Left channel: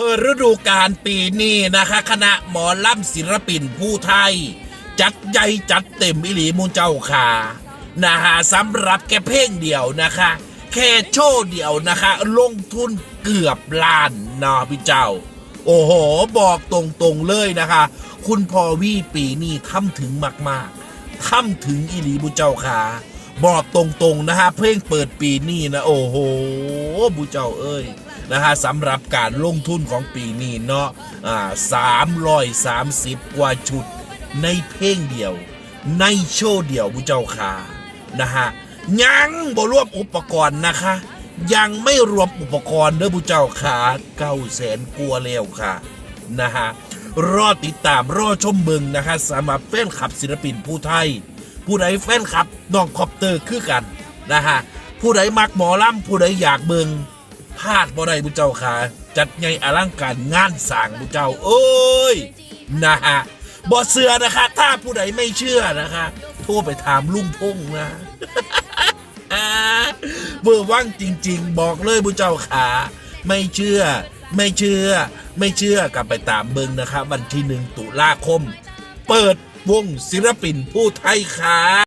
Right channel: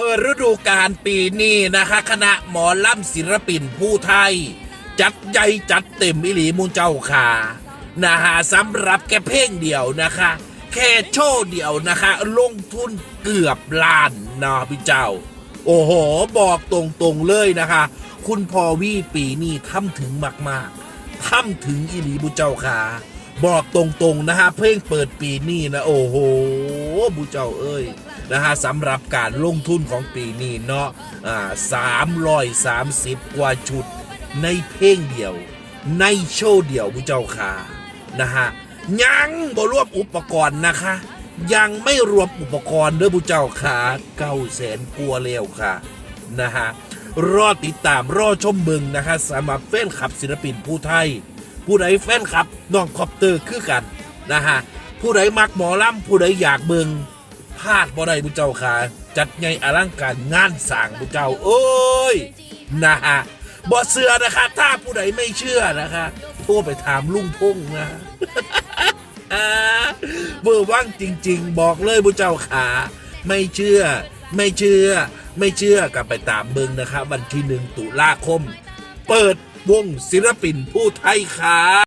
เปิดฤดูกาลปีนี้นะคะคณะหมอลำศิลปินผู้ไทย จัดใหญ่จัดเต็มอิหลีมูลเจ้าค่ะนะฮะสำหรับแค่เพลงเดียวนะคะ แค่โชว์เดียวนะคะ ลงทุนเกือบล้านนะพี่เจ้า โอ้โห บอกตรงๆเลยนะคะ คุณพอวี่ปีนี้ทำถึงมากๆทำถึงอิหลีบุเจ้าค่ะ บอกตรงๆนะฮะเพลงเปิดปีนี้นะโอ้โหบุเจ้าเอ้ยนะฮะสำหรับการลงทุนของปีนี้เนาะอ่าสามร้อยสามสิบกว่าชุดในเพลงเดียว ในโชว์เดียวบุเจ้าค่ะนะฮะยังบ่รวมอุปกรณ์นะคะ ยังไม่รวมอุปกรณ์เด้อบุเจ้าค่ะเก้าแสนกลัวาแล้วค่ะนะฮะรอติดตามรอชมเบิงนะคะสำหรับแฟนคลับศิลปินผู้ไทย ผู้ใดแฟนคลับน้องคอปเตอร์คือกันนะฮะผู้ใดมักหมอลำผู้ใดอยากเบิงพลาดบ่ได้บุเจ้าค่ะจัดไงอลังการงานสร้างบุเจ้า โอ้ยนะฮะบ่เสือนะคะ ถ้าผู้ใดไม่เชื่อนะคะโทรไปถามลุงพงนะเบอร์ว่างจริง ๆ บอกเลยบุเจ้าขาไม่เชื่อ ไม่เชื่อ ไม่เชื่อกลับไปตามเบิงนะครับวันที่หนึ่งตุลาคม เปิด วงศิลปินผู้ไทยค่ะ